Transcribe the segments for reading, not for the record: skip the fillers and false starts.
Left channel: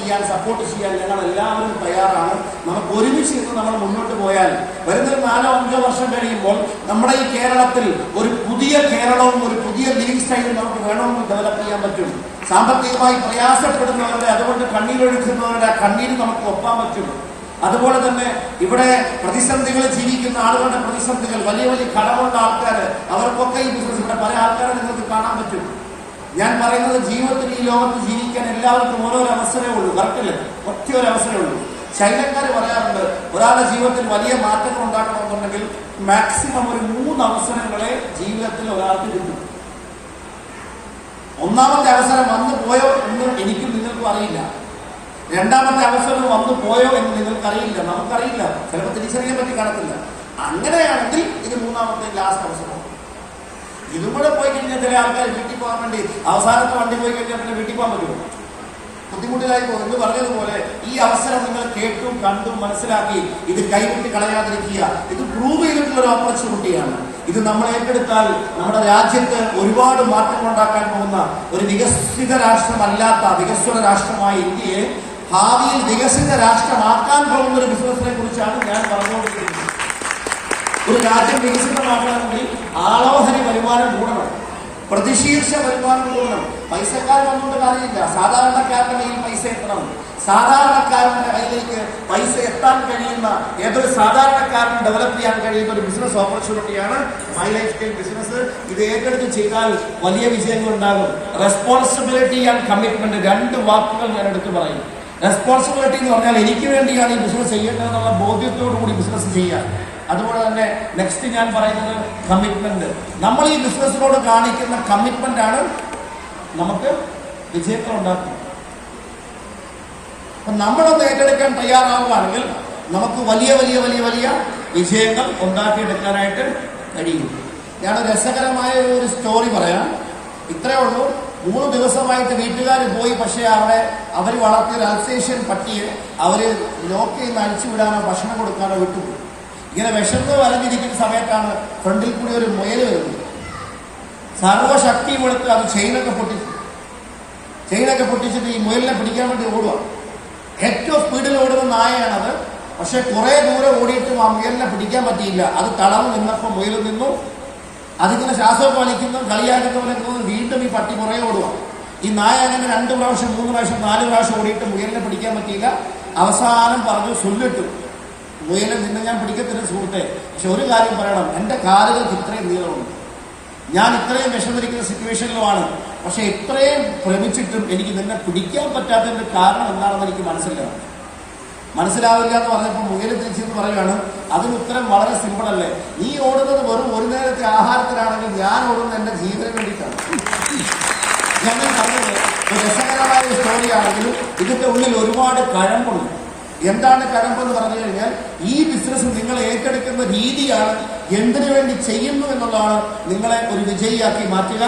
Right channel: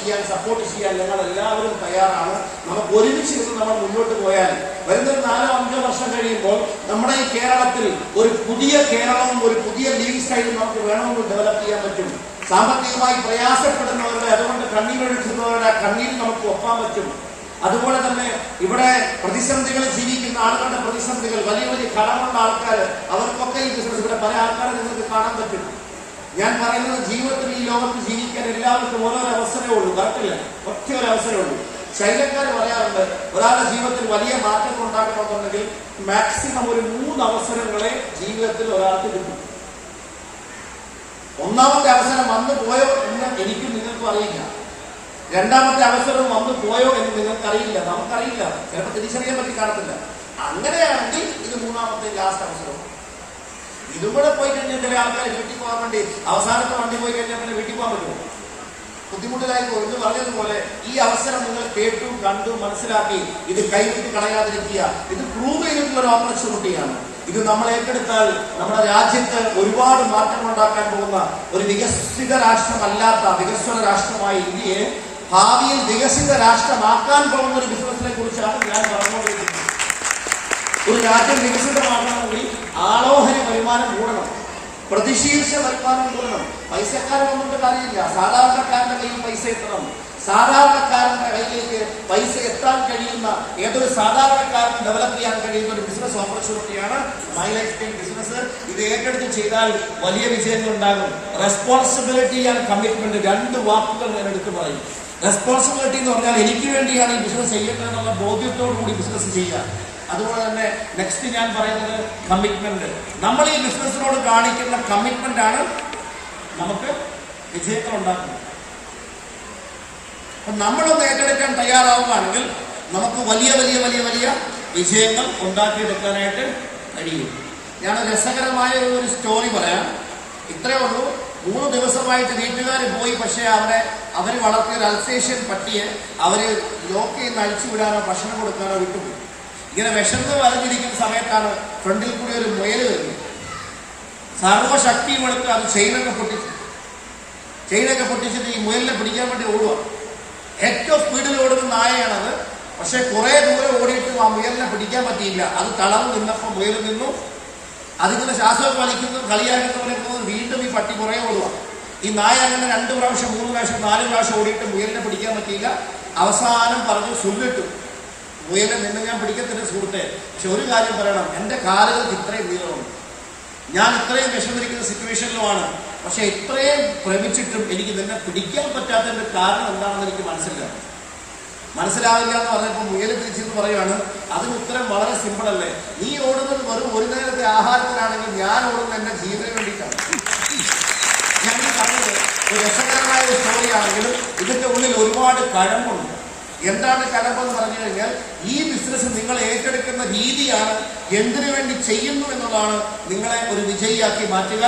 ചെയ്യാൻ, സപ്പോർട്ട് ചെയ്യാൻ ഞങ്ങൾ എല്ലാവരും തയ്യാറാണ്. നമുക്ക് ഒരുമിച്ച് ഇരുന്ന് നമ്മൾ മുന്നോട്ട് പോയാൽ വരുന്ന 4-5 വർഷം കഴിയുമ്പോൾ നമ്മുടെ ഈ കേരളത്തിൽ ഒരു പുതിയ കേരളവും ഒരു പുതിയ ലീവ് സ്റ്റൈലും നമുക്ക് വേണമെന്ന് ഡെവലപ്പ് ചെയ്യാൻ പറ്റും. സാമ്പത്തികമായി പ്രയാസപ്പെടുന്നവരുടെ, അതുകൊണ്ട് കണ്ണീരൊഴുക്കുന്നവരുടെ ആ കണ്ണീര് നമുക്ക് ഒപ്പാൻ പറ്റും. അതുപോലെ തന്നെ ഇവിടെ പ്രതിസന്ധികൾ ജീവിക്കുന്ന ആളുകളുടെ പ്രതിസന്ധികൾ, വലിയ വലിയ കടമുള്ള ആൾക്കാർ, അവർക്കൊക്കെ ഈ ബിസിനസ്, ഇവിടെ പല ആൾക്കാരെ നിങ്ങൾക്ക് കാണാൻ പറ്റും. ഞാൻ പറയുന്നത് ജീവിതത്തിൽ ഈ ലോകത്ത് ജീവിക്കാൻ എല്ലാവർക്കും ഓരോരോ അവസരമേ ഉള്ളൂ. കറക്റ്റല്ലേ? ഒറ്റ ഒരു അവസരമേ ഉള്ളൂ. ചൈനക്കാർ പറയാറുണ്ട്, ഒരാളുടെ ജീവിതത്തിൽ വലിയ മാറ്റങ്ങൾ ഉണ്ടാക്കണമെന്നുണ്ടെങ്കിൽ മാക്സിമം ഒരു 3 അവസരങ്ങളെ ജീവിതത്തിൽ ഒരാൾക്ക് കിട്ടും. ഒന്നാമത്തെ അവസരം വന്നു പോയോ എന്ന് എനിക്കും നിങ്ങൾക്കും അറിയില്ല. രണ്ടാമത്തെ അവസരം വന്നു പോയോ എന്ന് നിങ്ങൾക്കറിയില്ല, നമുക്കറിയില്ല, ചിലപ്പോൾ തിരിച്ചറിയാൻ പറ്റി കാണത്തില്ല. അങ്ങനെയാണെങ്കിൽ ഇത് 3ാമത്തെ ലാസ്റ്റ് അവസരം. ഇതും കൂടെ പോയി കഴിഞ്ഞാൽ ചില ആൾക്കാർ വീട്ടിൽ പോകാൻ വേണ്ടി അവസാനത്തെ വണ്ടി പോയി കഴിഞ്ഞാൽ പിന്നെ വീട്ടിൽ പോകാൻ പറ്റുമോ? ബുദ്ധിമുട്ടിലായി പോകും. എന്ന് പറഞ്ഞതുപോലെ ഈ അവസരം നിങ്ങൾ കേട്ടു, കണ്ടു, മനസ്സിലാക്കി ഇത് കൈവിട്ട് കളയാതിരിക്കുക. ഇത് പ്രൂവ് ചെയ്തിട്ടുള്ള ഒരു ഓപ്പർച്യൂണിറ്റിയാണ്. ഇത് നമ്മൾ ഏറ്റെടുത്താൽ നമ്മുടെ രാജ്യത്ത് ഒരുപാട് മാറ്റങ്ങൾ ഉണ്ടാക്കാൻ പോകുന്ന ഒരു വികസിത രാഷ്ട്രമല്ലാത്ത വികസ്വര രാഷ്ട്രമായ ഇന്ത്യയെ ഭാവിയിൽ വികസിത രാഷ്ട്രമാക്കാൻ പോകുന്ന ഒരു ബിസിനസിനെ കുറിച്ചാണ് ഞാൻ പറഞ്ഞുകൊണ്ടിരിക്കുന്നത്. ഒരു രാജ്യം വികസിതമാക്കണമെങ്കിൽ ആളോഹരി വരുമാനം കൂടണം, പ്രതിശീർഷ വരുമാനം കൂടണം. പൈസക്കാരൻ വന്നുകൊണ്ട് കാര്യമില്ല, സാധാരണക്കാരന്റെ കയ്യിൽ പൈസ എത്തണം. സാധാരണക്കാരന്റെ കയ്യിലേക്ക് പൈസ എത്താൻ കഴിയുന്ന ഏതൊരു സാധാരണക്കാരൻ ഡെവലപ്പ് ചെയ്യാൻ കഴിയുന്ന ഒരു ബിസിനസ് ഓപ്പർച്യൂണിറ്റിയാണ് മൈ ലൈഫ് സ്റ്റൈൽ ബിസിനസ്. ഇത് ഏറ്റെടുത്ത് ചെയ്താൽ വലിയ വിജയങ്ങൾ ഉണ്ടാകും. റെസ്പോൺസിബിലിറ്റി ആൻഡ് കമ്മിറ്റ്മെന്റ്, 2 വാക്കുകൾ ഞാൻ എടുത്തു പറയും. റെസ്പോൺസിബിലിറ്റി എന്ന് പറഞ്ഞാൽ എനിക്ക് വേണ്ടിയാണ് ഈ ബിസിനസ് ചെയ്യേണ്ടതെന്നുള്ള ബോധ്യത്തോടു കൂടി ബിസിനസ് ചെയ്യുക. അതുപോലെ തന്നെ നെക്സ്റ്റ് ഞാൻ പറയുന്നത് കമ്മിറ്റ്മെന്റ്. നമ്മൾ ഈ ബിസിനസ്സിനോട് കാണിക്കുന്ന കമ്മിറ്റ്മെന്റ് ആണ് നമുക്ക് വിജയങ്ങൾ ഉണ്ടാക്കുന്നത്. നമ്മളൊന്ന് ഏറ്റെടുക്കാൻ തയ്യാറാവുകയാണെങ്കിൽ നമുക്ക് വലിയ വലിയ വലിയ വലിയ വിജയങ്ങൾ ഉണ്ടാക്കിയെടുക്കാനായിട്ട് കഴിയും. ഞാൻ രസകരമായ ഒരു സ്റ്റോറി പറയാം. ഇത്രയേ ഉള്ളൂ. 3 ദിവസമായിട്ട് വീട്ടുകാർ പോയി, പക്ഷേ അവർ വളർത്തിയ ഒരു അൽസേഷ്യൻ പട്ടിയെ അവര് ലോക്ക് ചെയ്ത് അഴിച്ചുവിടാനോ ഭക്ഷണം കൊടുക്കാനോ വിട്ടുപോയി. ഇങ്ങനെ വിശന്ന് വലഞ്ഞിരിക്കുന്ന സമയത്താണ് ഫ്രണ്ടിൽ കൂടി ഒരു മുയൽ വരുന്നത്. സർവശക്തിയും എടുത്ത് അത് ചെയിനൊക്കെ പൊട്ടിച്ചിട്ട് ഈ മുയലിനെ പിടിക്കാൻ വേണ്ടി ഓടുക. ഏറ്റവും സ്പീഡിൽ ഓടുന്ന നായയാണത്. പക്ഷെ കുറെ ദൂരം ഓടിയിട്ടും ആ മുയലിനെ പിടിക്കാൻ പറ്റിയില്ല. അത് തളവ് നിന്നപ്പോൾ മുയൽ നിന്നു. അതിങ്ങനെ ശ്വാസം കളിക്കുന്നു, കളിയാക്കുന്നവരിക്കുന്നത് വീണ്ടും ഈ പട്ടി കുറെ ഓടുക. ഈ നായ അങ്ങനെ 2 പ്രാവശ്യം 3 പ്രാവശ്യം 4 പ്രാവശ്യം ഓടിയിട്ട് മുയലിനെ പിടിക്കാൻ പറ്റിയില്ല. അവസാനം പറഞ്ഞു ചൊല്ലിട്ടു, മുയലിനെ നിന്ന് ഞാൻ പിടിക്കത്തില്ല സുഹൃത്തെ, പക്ഷെ ഒരു കാര്യം പറയണം, എന്റെ കാലുകൾക്ക് ഇത്രയും നീളമുണ്ട്, ഞാൻ ഇത്രയും വിഷമിരിക്കുന്ന സിറ്റുവേഷനിലുമാണ്, പക്ഷെ ഇത്രയും ഭ്രമിച്ചിട്ടും എനിക്ക് നിന്നെ പിടിക്കാൻ പറ്റാത്തതിന്റെ കാരണം എന്താണെന്ന് എനിക്ക് മനസ്സിലാവില്ല എന്ന് പറഞ്ഞപ്പോൾ മുയൽ തിരിച്ചെന്ന് പറയുകയാണ്, അതിന് ഉത്തരം വളരെ സിമ്പിൾ അല്ലേ, നീ ഓടുന്നത് വെറും ഒരു നേരത്തെ ആഹാരത്തിനാണെങ്കിൽ ഞാൻ ഓടുന്നത് എന്റെ ജീവന് വേണ്ടിയിട്ടാണ്. ഞങ്ങൾ പറഞ്ഞത് ഒരു രസകരമായ സ്റ്റോറിയാണെങ്കിലും ഇതിന്റെ ഉള്ളിൽ ഒരുപാട് കഴമ്പുണ്ട്. എന്താണ് കഴമ്പെന്ന് പറഞ്ഞു കഴിഞ്ഞാൽ ഈ ബിസിനസ് നിങ്ങൾ ഏറ്റെടുക്കുന്ന രീതിയാണ് എന്തിനു വേണ്ടി ചെയ്യുന്നു എന്നുള്ളതാണ് നിങ്ങളെ ഒരു വിജയിയാക്കി മാറ്റുക.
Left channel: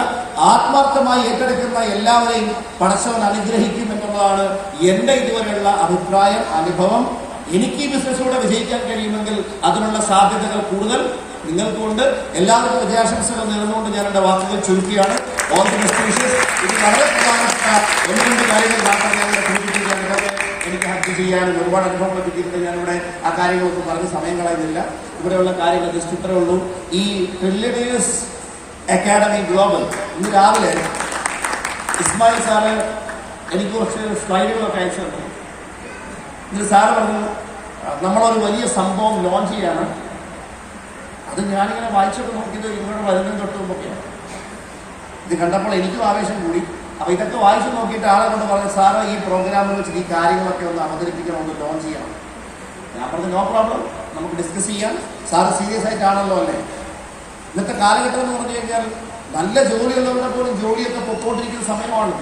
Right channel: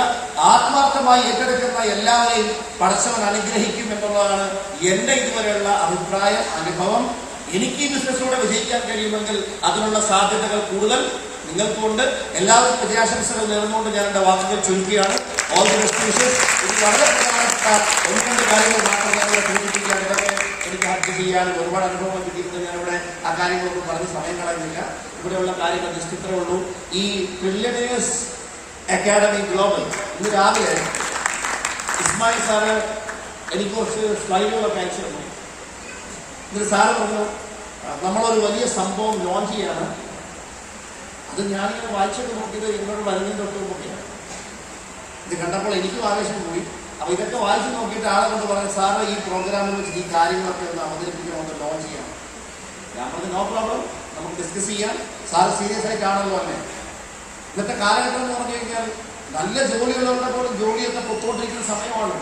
ആത്മാർത്ഥമായി ഏറ്റെടുക്കുന്ന എല്ലാവരെയും പടച്ചവൻ അനുഗ്രഹിക്കും എന്നുള്ളതാണ് എന്റെ ഇതുവരെയുള്ള അഭിപ്രായം, അനുഭവം. എനിക്ക് ഈ ബിസിനസ്സിലൂടെ വിജയിക്കാൻ കഴിയുമെങ്കിൽ അതിനുള്ള സാധ്യതകൾ കൂടുതൽ നിങ്ങൾക്കുണ്ട്. എല്ലാവർക്കും വിജയാശംസകൾ നേർന്നുകൊണ്ട് ഞാൻ എന്റെ വാക്കുകൾ ചുരുക്കുകയാണ്. All the best wishes. ഇത് വളരെ പ്രധാനപ്പെട്ട 1-2 കാര്യങ്ങൾ മാത്രമേ ഞങ്ങളെ സൂചിപ്പിക്കാൻ എനിക്ക് ഹാപ്പി ചെയ്യാനും ഒരുപാട് അനുഭവങ്ങൾ കിട്ടിയിട്ട് ഞാനിവിടെ ആ കാര്യങ്ങൾക്ക് പറഞ്ഞ് സമയം കളയുന്നില്ല. ഇവിടെയുള്ള കാര്യങ്ങൾ ജസ്റ്റ് ഇത്രേ ഉള്ളൂ. ഈ ട്രില്യണേഴ്സ് അക്കാഡമി ഗ്ലോബൽ ഇന്ന് രാവിലെ ഇസ്മായിൽ സാറ് എനിക്ക് കുറച്ച് സ്ലൈഡുകളൊക്കെ അയച്ചു തന്നു. എന്നിട്ട് സാറ് പറഞ്ഞു നമ്മളൊരു വലിയ സംഭവം ലോഞ്ച് ചെയ്യാണ്. അത് ഞാനിങ്ങനെ വായിച്ചൊക്കെ നോക്കിയത് ഇങ്ങോട്ട് വരുന്നതും തൊട്ട് നോക്കിയാണ്. ഇത് കണ്ടപ്പോൾ എനിക്കും ആവേശം കൂടി. അപ്പൊ ഇതൊക്കെ വായിച്ചു നോക്കിയിട്ട് ആളെ കൊണ്ട് പറഞ്ഞു, സാറ് ഈ പ്രോഗ്രാമിൽ വെച്ചിട്ട് ഈ കാര്യങ്ങളൊക്കെ ഒന്ന് അവതരിപ്പിക്കണം, ഒന്ന് ലോഞ്ച് ചെയ്യണം. ഞാൻ പറഞ്ഞു നോ പ്രോബ്ലം, നമുക്ക് ഡിസ്കസ് ചെയ്യാം. സാറ് സീരിയസ് ആയിട്ടാണല്ലോ അല്ലേ. ഇന്നത്തെ കാലഘട്ടം എന്ന് പറഞ്ഞു കഴിഞ്ഞാൽ നല്ല ജോലിയുള്ളവരുടെ പോലും ജോലിയൊക്കെ പൊക്കോണ്ടിരിക്കുന്ന സമയമാണ്.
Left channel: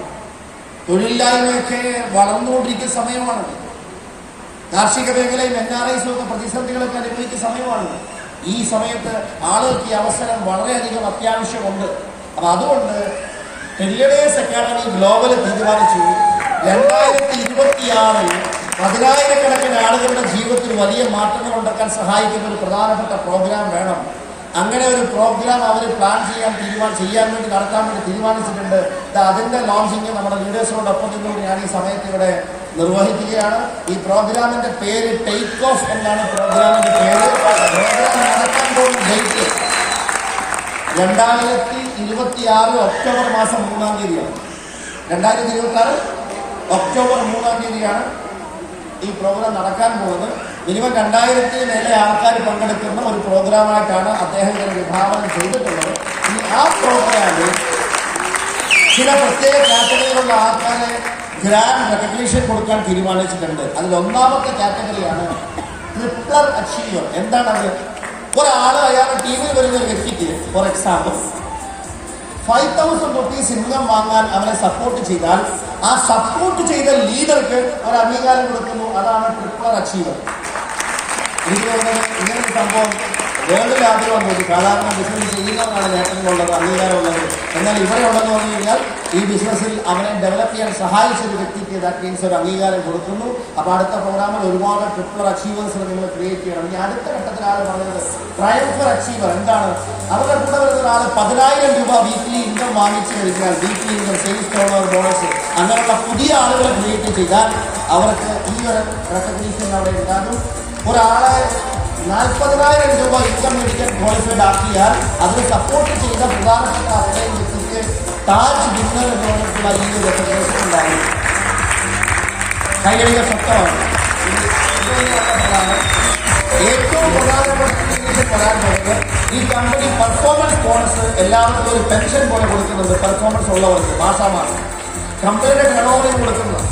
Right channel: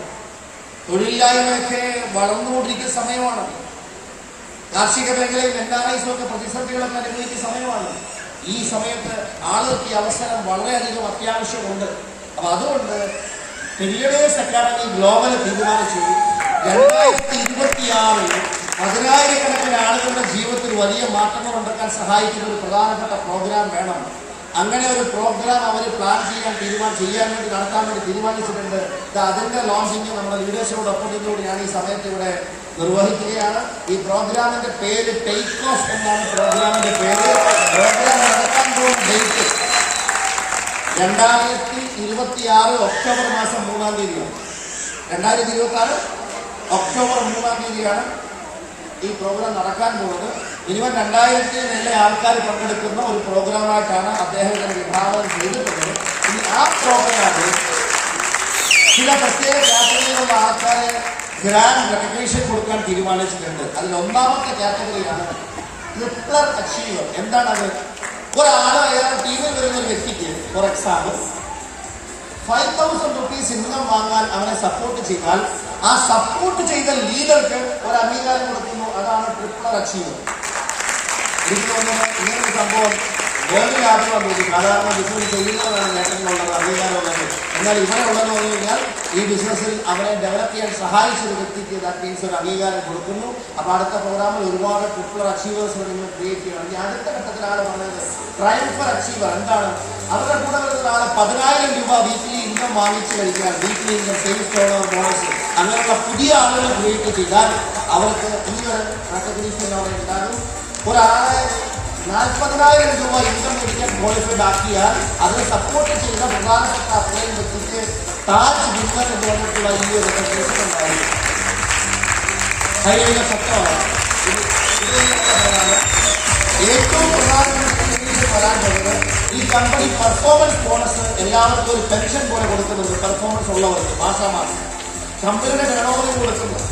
തൊഴിലില്ലായ്മയൊക്കെ വളർന്നുകൊണ്ടിരിക്കുന്ന സമയമാണ്. കാർഷിക മേഖലയിൽ NRIs ഒക്കെ പ്രതിസന്ധികളൊക്കെ അനുഭവിക്കുന്ന സമയമാണ്. ഈ സമയത്ത് ആളുകൾക്ക് ഈ അവസരം വളരെയധികം അത്യാവശ്യമുണ്ട്. അപ്പൊ അതുകൊണ്ട് ട്രില്യണേഴ്സ് അക്കാഡമി ഗ്ലോബൽ തീരുമാനിച്ചു 2026 10,000-കണക്കിന് ആളുകളുടെ ജീവിതത്തിൽ വലിയ മാറ്റങ്ങൾ ഉണ്ടാക്കാൻ സഹായിക്കുന്ന ഒരു പ്രധാനപ്പെട്ട പ്രോഗ്രാം വേണം. അങ്ങനെ ഒരു പ്രോഗ്രാം അവർ പ്ലാൻ ചെയ്യാൻ വേണ്ടി നടത്താൻ വേണ്ടി തീരുമാനിച്ചിട്ടുണ്ട്. അതിന്റെ ലോഞ്ചിങ് നമ്മുടെ ലീഡേഴ്സിനോടൊപ്പം നിന്നുകൊണ്ട് ഞാൻ ഈ സമയത്ത് ഇവിടെ നിർവഹിക്കുകയാണ്. ഈ പ്രോഗ്രാമിന്റെ പേര് ടേക്ക് ഓഫ് എന്നാണ് പ്രോഗ്രാമിന്റെ പേര്. പ്രോഗ്രാം നടക്കാൻ പോകുന്ന ഡേറ്റ് 2026 ഒക്ടോബർ മാസം 3-ാം തീയതിയാണ്. 2026 ഒക്ടോബർ 3-ാം തീയതിയാണ് ഈ പ്രോഗ്രാം നടക്കാൻ പോകുന്നത്. മിനിമം 2000-ൽ മേലെ ആൾക്കാർ പങ്കെടുക്കുന്ന ഒരു പ്രോഗ്രാമായിട്ടാണ് അദ്ദേഹം ഇതിനെ വിഭാവനം ചെയ്തിട്ടുള്ളത്. ഇനി ആ പ്രോഗ്രാമിൽ ചില പ്രത്യേക കാറ്റഗറിയിലുള്ള ആൾക്കാരെ ഗ്രാൻഡ് റെക്കഗ്നീഷൻ കൊടുക്കാൻ തീരുമാനിച്ചിട്ടുണ്ട്. അതിൽ ഒന്നാമത്തെ കാറ്റഗറിയാണ് ട്രിപ്പിൾ അച്ചീവർ. എന്താണ് അത്? ഒരാൾ അയാളുടെ ടീമിൽ വരുന്ന ഒരു വ്യക്തിക്ക് ഫോർ എക്സാമ്പിൾ 5,000 rupees ഇൻകം വാങ്ങാൻ അവനെ സപ്പോർട്ട് ചെയ്താൽ ആ സപ്പോർട്ട് ചെയ്ത ലീഡർക്ക് ഒരു അംഗീകാരം കൊടുക്കുന്നു. അതാണ് ട്രിപ്പിൾ അച്ചീവർ. ഇങ്ങനൊരു സംഭവം വേറൊരു ആഗ്രഹം തോന്നി. സാധാരണ ബിസിനസ് ചെയ്യുന്നവരാണ് നേട്ടങ്ങളുള്ളത്, അംഗീകാരമുള്ളത്. എന്നാൽ ഇവിടെ ഉള്ളതെന്ന് പറഞ്ഞു കഴിഞ്ഞാൽ ഈ ബിസിനസ്സിൽ അവനെ ഡെവലപ്പ് ചെയ്യാൻ സഹായിച്ച ഒരു വ്യക്തിക്ക് ദാറ്റ് മീൻസ് ഒരു അംഗീകാരം കൊടുക്കുന്നു. അപ്പോൾ അടുത്ത പ്രോഗ്രാമിൽ ഒരുപാട് ട്രിപ്പിൾ അച്ചീവേഴ്സ് നിങ്ങൾ ക്രിയേറ്റ് ചെയ്യണം. ഇനി അടുത്ത ഘട്ടത്തിൽ ആൾ പറഞ്ഞത് ട്രയംഫർ അച്ചീവർ. എന്താണ്? അവരുടെ കൂടെ വരുന്ന ഒരാൾ 10,000 രൂപ വീക്കിലി ഇൻകം വാങ്ങിച്ചു കഴിഞ്ഞാൽ weekly income sales turnover bonus അങ്ങനെയൊക്കെ പുതിയ ആളുകൾ ക്രിയേറ്റ് ചെയ്താൽ അവർക്ക് ഈ ഒരു റെക്കഗ്നീഷൻ അവിടെ ഉണ്ടാകും. ഒരാളെ 40,000 രൂപ ഇൻകം മേടിക്കാൻ ക്വാളിഫൈഡ് ആക്കിയാൽ അതിന് സപ്പോർട്ട് ചെയ്യുന്ന പ്രധാനപ്പെട്ട അത്രയും വ്യക്തിക്ക് താജ് വിന്നർ എന്ന് പറഞ്ഞിട്ടുള്ള ഈ ഒരു റെക്കഗ്നേഷൻ ഉണ്ടാവും. കൈയിലെ സത്യമാണ്. ഏറ്റവും പ്രധാനപ്പെട്ട പറയാൻ പോകുന്നത് ഈ കമ്പനി പെർഫോമൻസ് ബോണസ് എല്ലാവർക്കും ഒരു പെൻഷൻ പോലെ കൊടുക്കുന്നുണ്ട്. പെർഫോമൻസ് ഉള്ളവർക്ക് മാസാമാസം കമ്പനിയുടെ ടേണോവറിൽ കൊടുക്കുന്നത്.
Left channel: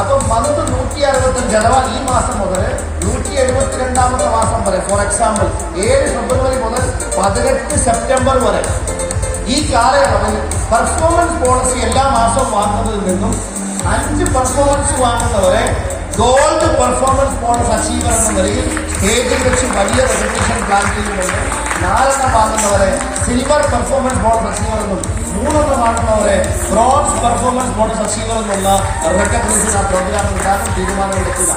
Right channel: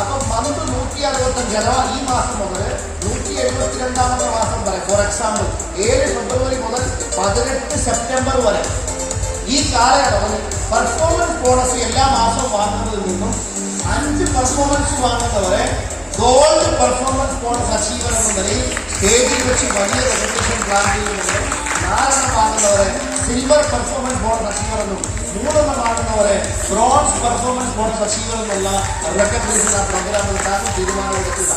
അപ്പം മന്ത് 165 അഥവാ ഈ മാസം മുതൽ 172ാമത്തെ മാസം വരെ ഫോർ എക്സാമ്പിൾ 7 ഫെബ്രുവരി മുതൽ 18 സെപ്റ്റംബർ വരെ ഈ കാലയളവിൽ പെർഫോമൻസ് പോളിസി എല്ലാ മാസവും വാങ്ങുന്നതിൽ നിന്നും 5 പെർഫോമൻസ് വാങ്ങുന്നവരെ ഗോൾഡ് പെർഫോമൻസ് ബോണസ് അച്ചീവർ എന്ന നിലയിൽ സ്റ്റേജിൽ വെച്ച് വലിയ റെക്കഗ്നീഷൻ പ്ലാൻ ചെയ്യുന്നുണ്ട്. 4 വാങ്ങുന്നവരെ സിൽവർ പെർഫോമൻസ് ബോണസ് അച്ചീവർ എന്നും 3 വാങ്ങുന്നവരെ ബ്രോൺസ് പെർഫോമൻസ് ബോണസ് അച്ചീവർ എന്നുള്ള റെക്കഗ്നീഷൻ ആ പ്രോഗ്രാമിൽ ഉണ്ടാക്കാൻ തീരുമാനമെടുക്കുക.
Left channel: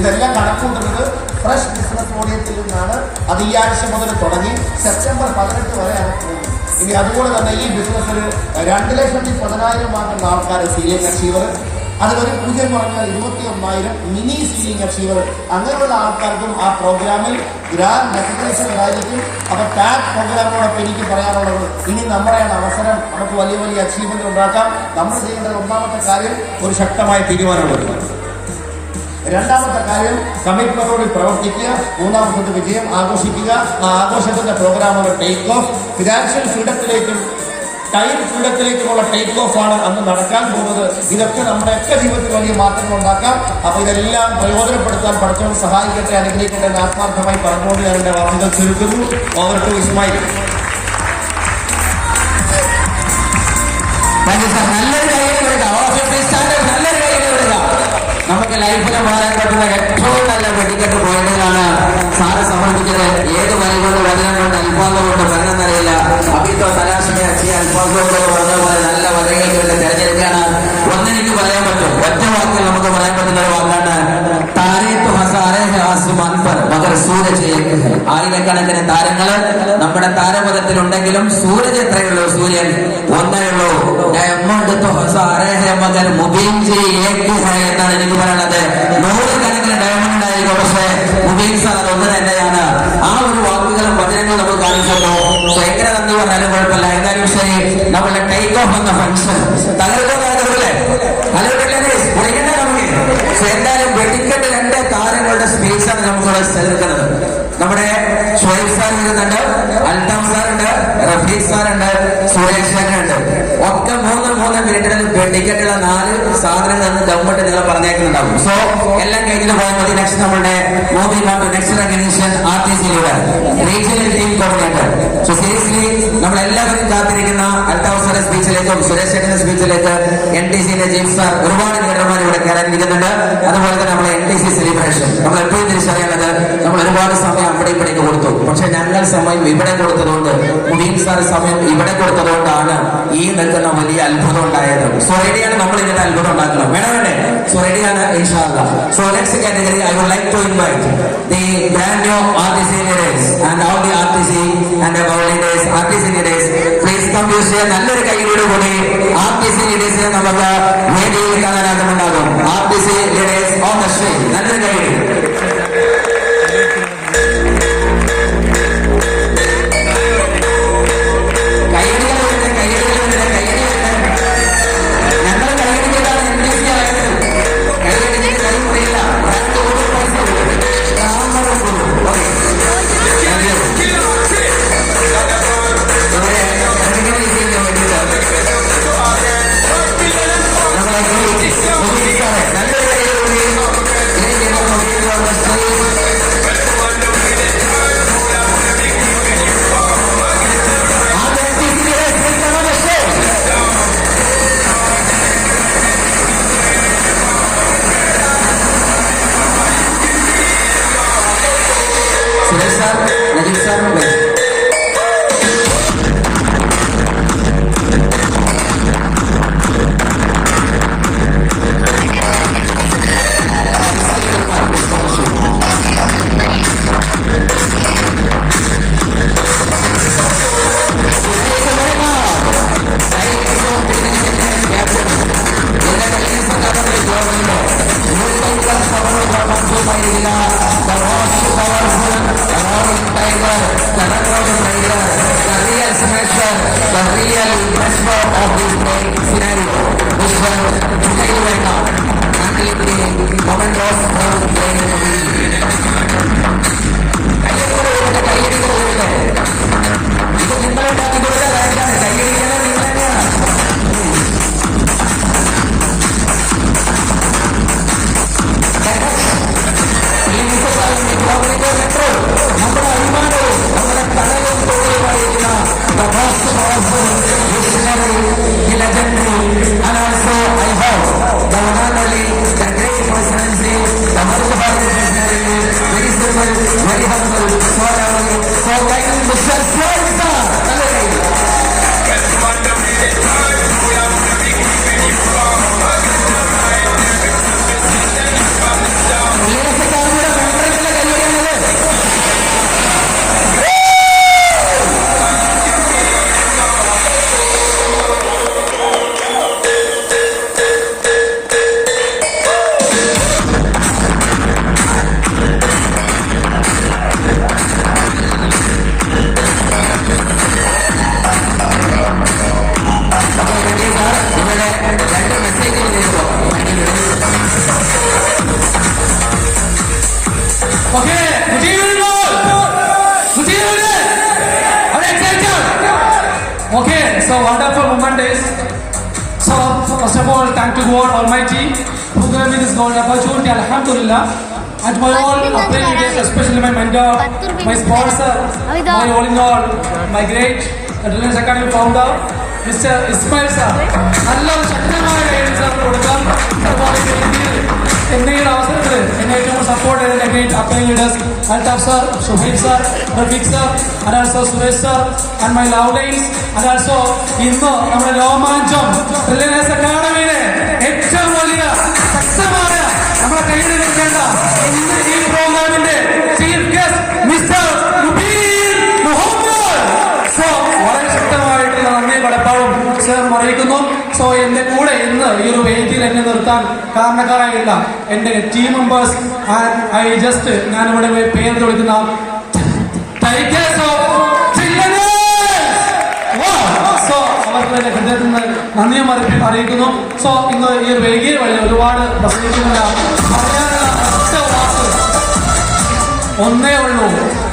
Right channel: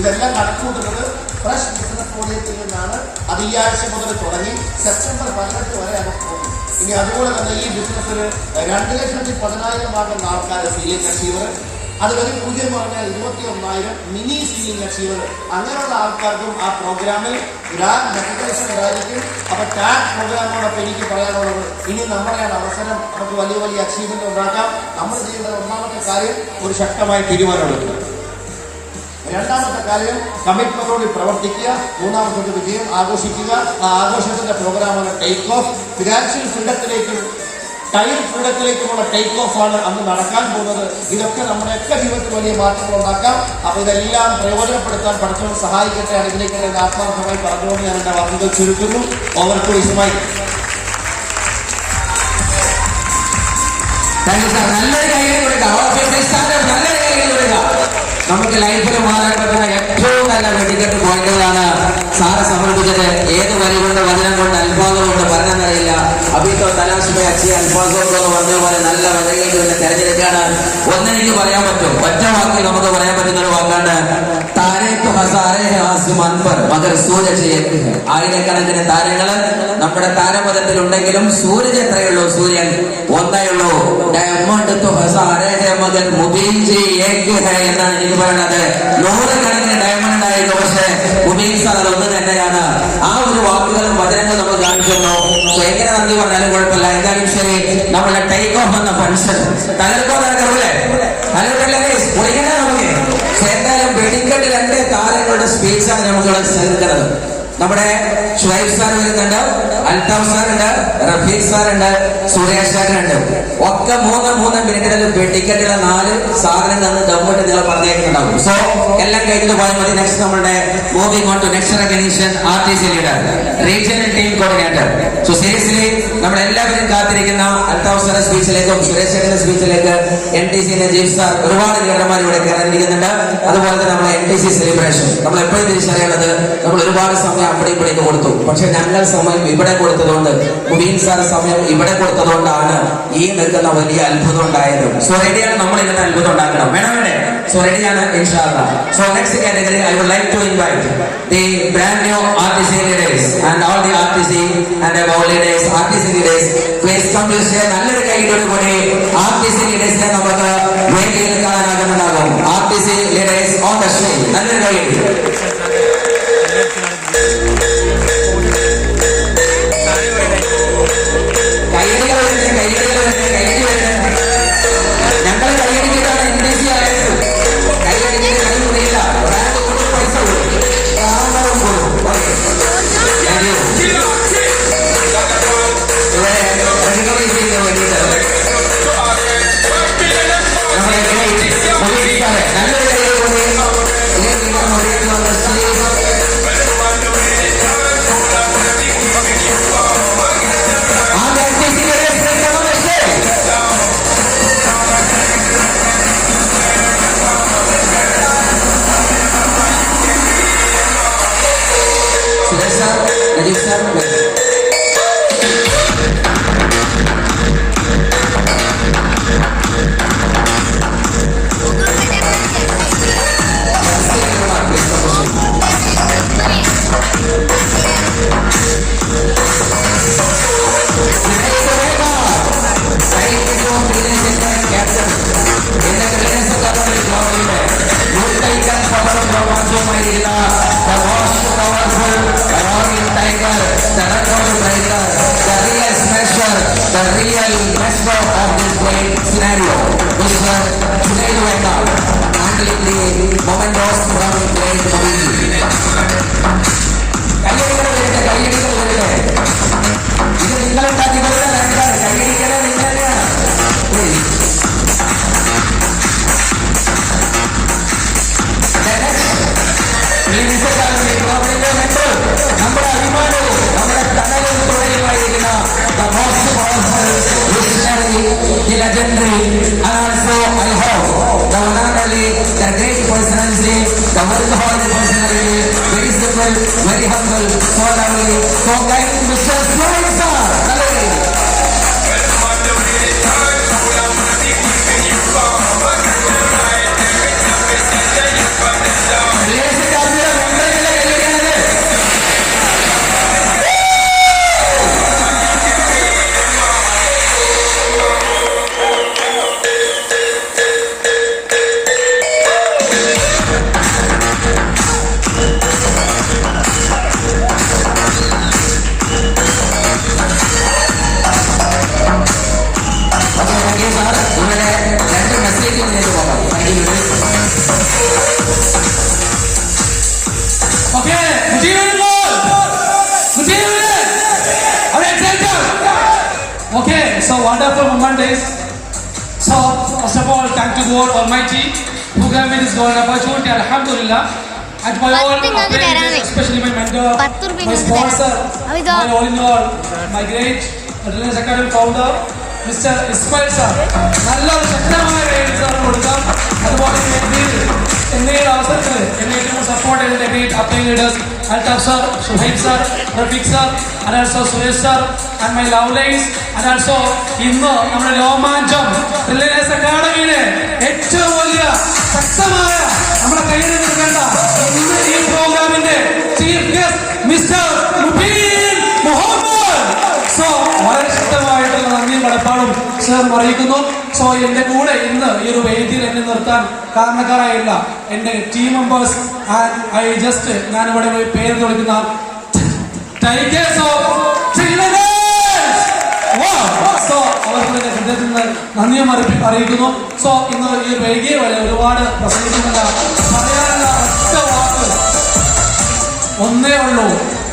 ഇതെല്ലാം കണക്കുകൂട്ടുന്നത് ഫ്രഷ് ബിസിനസ് ഓഡിയത്തിൽ നിന്നാണ്. അത് ഈ ആഴ്ച മുതൽ തുടങ്ങി സെപ്റ്റംബർ 18 വരെ പോകും. ഇനി അതുപോലെ തന്നെ ഈ ബിസിനസ്സിൽ 2,10,000 വാങ്ങുന്ന ആൾക്കാർ സീനിയർ അച്ചീവർ, അതുവരെ പുതിയ പറഞ്ഞാൽ 21,000 മിനി സീനിയർ അച്ചീവർ, അങ്ങനെയുള്ള ആൾക്കാർക്കും ആ പ്രോഗ്രാമിൽ ഗ്രാൻഡ് റെക്കഗ്നേഷൻ ഉണ്ടായിരിക്കും. അപ്പൊ ടാഗ് പ്രോഗ്രാമാണ് എനിക്ക് പറയാനുള്ളത്. ഇനി നമ്മുടെയാണ് അവസരം. നമുക്ക് വലിയ വലിയ അച്ചീവ്മെന്റ് ഉണ്ടാക്കാം. നമ്മൾ ചെയ്യേണ്ട ഒന്നാമത്തെ കാര്യം ഒരു ശക്തമായ തീരുമാനമെടുക്കുക. രണ്ടാമത്തെ കാര്യം കമ്മിറ്റ്മെന്റോട് പ്രവർത്തിക്കുക. മൂന്നാമത്തത് വിജയം ആഘോഷിക്കുക. ആ ആഘോഷത്തിന്റെ പ്രോഗ്രാമുകൾ ടേക്ക് ഓഫ്. ഫിനാൻഷ്യൽ ഫ്രീഡത്തിലേക്കും ടൈം ഫ്രീഡത്തിലേക്കുമുള്ള ടേക്ക് ഓഫ് ആണ് അന്ന് നടക്കാൻ പോകുന്നത്. ഇതൊക്കെ നമ്മുടെയൊക്കെ ജീവിതത്തിൽ വലിയ മാറ്റങ്ങൾ ഉണ്ടാക്കാം. അപ്പൊ ഇതെല്ലാം പ്രയോജനപ്പെടുത്താൻ പഠിത്തം സഹായിക്കട്ടെ, അനുഗ്രഹിക്കട്ടെ എന്ന് ആത്മാർത്ഥമായി പറഞ്ഞുകൊണ്ട് ഞാൻ എന്റെ വാക്കുകൾ ചുരുക്കുന്നു. അവർക്ക് വിഷമായി നല്ലൊരു കാര്യങ്ങൾ നമുക്ക് ലൈഫിന് മാറാൻ പറ്റുന്ന ഏറ്റവും നല്ല വെടിക്കെട്ട് പോയിന്റുകളാണ് സാറ് സമർപ്പിച്ചത്. ഏത് വരി കൊണ്ട് വചനം കൊണ്ട് അൽഫാദം കൊണ്ട് പറയുന്നതറിയില്ല. അഭിത്തോ തലാശമേ അച്ഛയെ അൽഫാദോട് പറഞ്ഞതുപോലെ നല്ല വചനങ്ങൾക്ക് വേണ്ടി തെരഞ്ഞെടുക്കാണ്. ഒന്നെനിക്ക് പറയാൻ പറ്റും, ഒറ്റ വാക്കിൽ നമുക്ക് പറയാൻ പറ്റുന്ന ഒരു വാക്കാണ് താരീഖ് ഹസാരേ ഹാസും അൻപർ മകർ സൂരജ്. ആയിരക്കണക്കിന് താരങ്ങള് നമ്മുടെ താരപഥത്തിലുണ്ടെങ്കിലും സൂരജ് എത്രയുള്ളൂ? സൂര്യൻ ഒന്നേ ഉള്ളൂ. മകർ മുബീൻ ജി എന്നാണ് എനിക്ക് പറയണത്. 100 കണക്കിന് ഡയമണ്ട് ആയിരിക്കും, പക്ഷേ മുബീൻ സാർ അതൊന്ന് തന്നെയാണ്. ആ ഒരു വാക്കുകളും വചനങ്ങളും നമ്മൾ കാണിക്കുന്നു. എങ്ങനെ നന്ദി പറഞ്ഞാലും കുഴപ്പമില്ല. എന്തായാലും ശരി, നമ്മളുടെ ടേക്ക് ഓഫ് എന്ന ഫംഗ്ഷൻ തലർക്കോതാക്കല്ലേ എന്തായാലും വെടിക്കെട്ട് 2 താരങ്ങളുടെ സ്പേസാണ് നമുക്കിവിടെ ചേർക്കുന്നത്. നമ്മുടെ ഷുഹൈബ് സാർ വരുന്നുണ്ട്, അൽതാഫ് സാറുണ്ട്, റഫീഖ് സാറുണ്ട്, സുരേഷ് ഉണ്ട്. ഒക്കെ 3 മിനിറ്റിന് വെടിക്കെട്ടുള്ള 4 സാധനങ്ങൾ ഗവൺമെന്റ് നിങ്ങൾ പറഞ്ഞേക്കുന്നുണ്ടാവും. സോ എല്ലാം കഴിഞ്ഞു പോയാൽ മതി. നെക്സ്റ്റ് നമ്മുടെ moving on to next recognition RTC leader, regional team coordinator. So seriously നമ്മളെല്ലാവരും കാത്തിരിക്കുന്ന അൽതാഫ് സാറിന്റെ സ്പീച്ചിലേക്കും സുരേഷ് ചേട്ടന്റെ സ്പീച്ചിലേക്ക് NTCന്റെ ചീഫ് സാർ ഒരുപാട് ലീഡർമാർ ഇവിടെ കയറാനിരിക്കുന്നുണ്ട്. അതുപോലെ തന്നെ നമ്മുടെ NTC സെലിബ്രേഷൻ നമ്മൾ എപ്പോഴും തിരിച്ചറിയേണ്ടത്, നമ്മൾ ഒരുപാട് സമയം അവിടെ ഇവിടേക്ക് കൊടുത്തു. പക്ഷെ ഞങ്ങൾ സമയം ഇവിടെ കൊടുത്തതുകൊണ്ട്, മുബീൻ സാർ സമയം ഇവിടെ കൊടുത്തതുകൊണ്ടാണ് ഈ നിൽക്കുന്ന വലിയ അത്ഭുതം ഉണ്ടായത്. സോ റെഡിയാണ്, നമ്മൾ ഇന്നത്തെ അത്ഭുതം ഉണ്ടാക്കണം. വേണേ സോ റെഡിയാണ് ഇൻഷാ അല്ലാഹ്. So next category I would like to invite the brand new RTC leaders and all the RTC and our leaders, RTC leaders, please come to say നല്ലൊരു കൈയിലൂടെ കൂടി RTC leaders നമുക്ക് വേദിയിൽ കാണാനാകുന്നുണ്ടാകും. RTC The real master of this great scenario, Mr. Today Rema, completely momentos from great movie. കയ്യടിക്കോ ഇത് നിങ്ങളുണ്ടാക്കിയതുപോലെ കാര്യമാണ്. കയ്യടിക്കണേ നിങ്ങൾ തന്നെയാണ്. Metro നമ്മുടെ അഭിമാനവും നമ്മുടെ തലയും തൊഴിലുമായിരിക്കുന്ന the most powerful visionary, the legendary, and also I hope the one and only, the great personality, the wonderful personality, very simple, very humble, so lovely, so kind, Mr. Swaisa. Okay, so wonderful moment is. So first of all, thank to God Almighty who gave me this golden opportunity. Alhamdulillah. And my all appreciate, especially my mentor, my sponsor, my all in all, my great Reliance Academy founder, Mr. Ismail sir. Allah ശക്തമായ എഴുതാൻ കൊടുക്കാം. അതുപോലെ എന്നെ അവസരത്തിൽ എന്നെ ഏറ്റവും support ചെയ്ത great അപ്പൈൻ leaders Altaf sir, Suhaib sir, Rafiq sir, and also Suresh sir, and my love lines, and also ഇന്ന് നമ്മുടെ രോമാഞ്ചം റിലയൻസ് അക്കാഡമിയിലെ ഏറ്റവും വലിയ ശക്തമായ നമ്മുടെ കയ്യിൽ നിൽക്കേണ്ട ഇന്ന് ഈ പ്രോഗ്രാമിന്റെ chief guest mister Rubeen Muhammad. So വളരെ ശക്തമായിട്ടുള്ള നന്ദിയും കടപ്പാടും ചേർന്ന് അറിയിക്കുന്നു. സോ എന്റെ കൂടെ ഇന്ന് ഈ ഒരു വേദിയിൽ എന്നെ നിർത്താൻ കാരണക്കാരായില്ല എന്റെ ടീം മെമ്പേഴ്സ്. ഐ ജസ്റ്റ് ഞാനിവിടെ പേര് വിളിക്കുന്ന ടൈഗേഴ്സ് ഓഫ് സോ അവർക്ക് ഹൃദയത്തിൽ നിന്ന് നന്ദിയും അറിയിക്കുന്നു. സോ ഇന്ന് ഈ വേദിയെ വഴി ഒരുപാട് പ്രസംഗിക്കുന്നില്ല. പറയാനുള്ള ഒറ്റ വാക്ക് ഒന്നേ ഉള്ളൂ.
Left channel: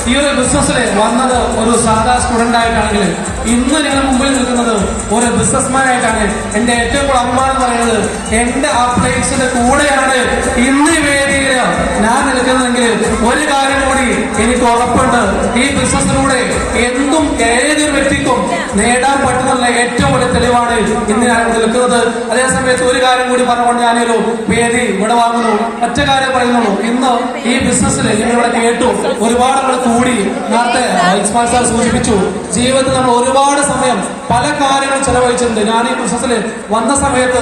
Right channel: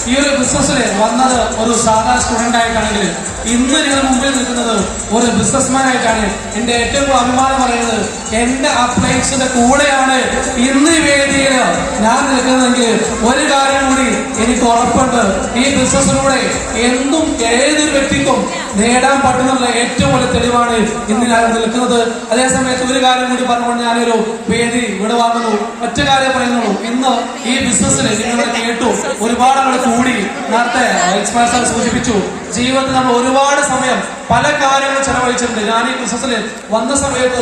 ഈ ഒരു ബിസിനസ്സിൽ വന്നത് ഒരു സാധാ സ്റ്റുഡന്റ് ആയിട്ടാണെങ്കിൽ ഇന്ന് ഞങ്ങൾ മുമ്പിൽ നിൽക്കുന്നത് ഒരു ബിസിനസ്മാൻ ആയിട്ടാണ്. എന്റെ ഏറ്റവും കൂടുതൽ അഭിമാനം പറയുന്നത് എന്റെ അപ്ലൈൻസിന്റെ കൂടെയാണ് ഇന്ന് ഈ വേദിയിൽ ഞാൻ നിൽക്കുന്നതെങ്കിൽ ഒരു കാര്യം കൂടി എനിക്ക് ഉറപ്പുണ്ട്. ഈ ബിസിനസ്സിലൂടെ എന്തും ഏതൊരു വ്യക്തിക്കും നേടാൻ പറ്റുന്നുള്ള ഏറ്റവും വലിയ തെളിവാണ് ഇന്ന് ഞാൻ നിൽക്കുന്നത്. അതേസമയത്ത് ഒരു കാര്യം കൂടി പറഞ്ഞുകൊണ്ട് ഞാനൊരു വേദി ഇവിടെ വാങ്ങുന്നു. ഒറ്റ കാര്യം പറയുന്നുള്ളൂ. ഇന്ന് ഈ ബിസിനസ്സിൽ നിങ്ങളിവിടെ കേട്ടു ഒരുപാട് കൂടി നേരത്തെ ഇസ്മാൽ സാർ സൂചിപ്പിച്ചു. ജീവിതത്തിൽ നമ്മൾ ഒരുപാട് സമയം പല കാര്യങ്ങളും ചെലവഴിച്ചിട്ടുണ്ട്. ഞാൻ ഈ ബിസിനസ്സിൽ വന്ന സമയത്ത്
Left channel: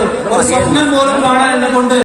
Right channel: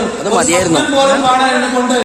സ്വപ്നം പോലും കാണാൻ എന്നെ കൊണ്ട്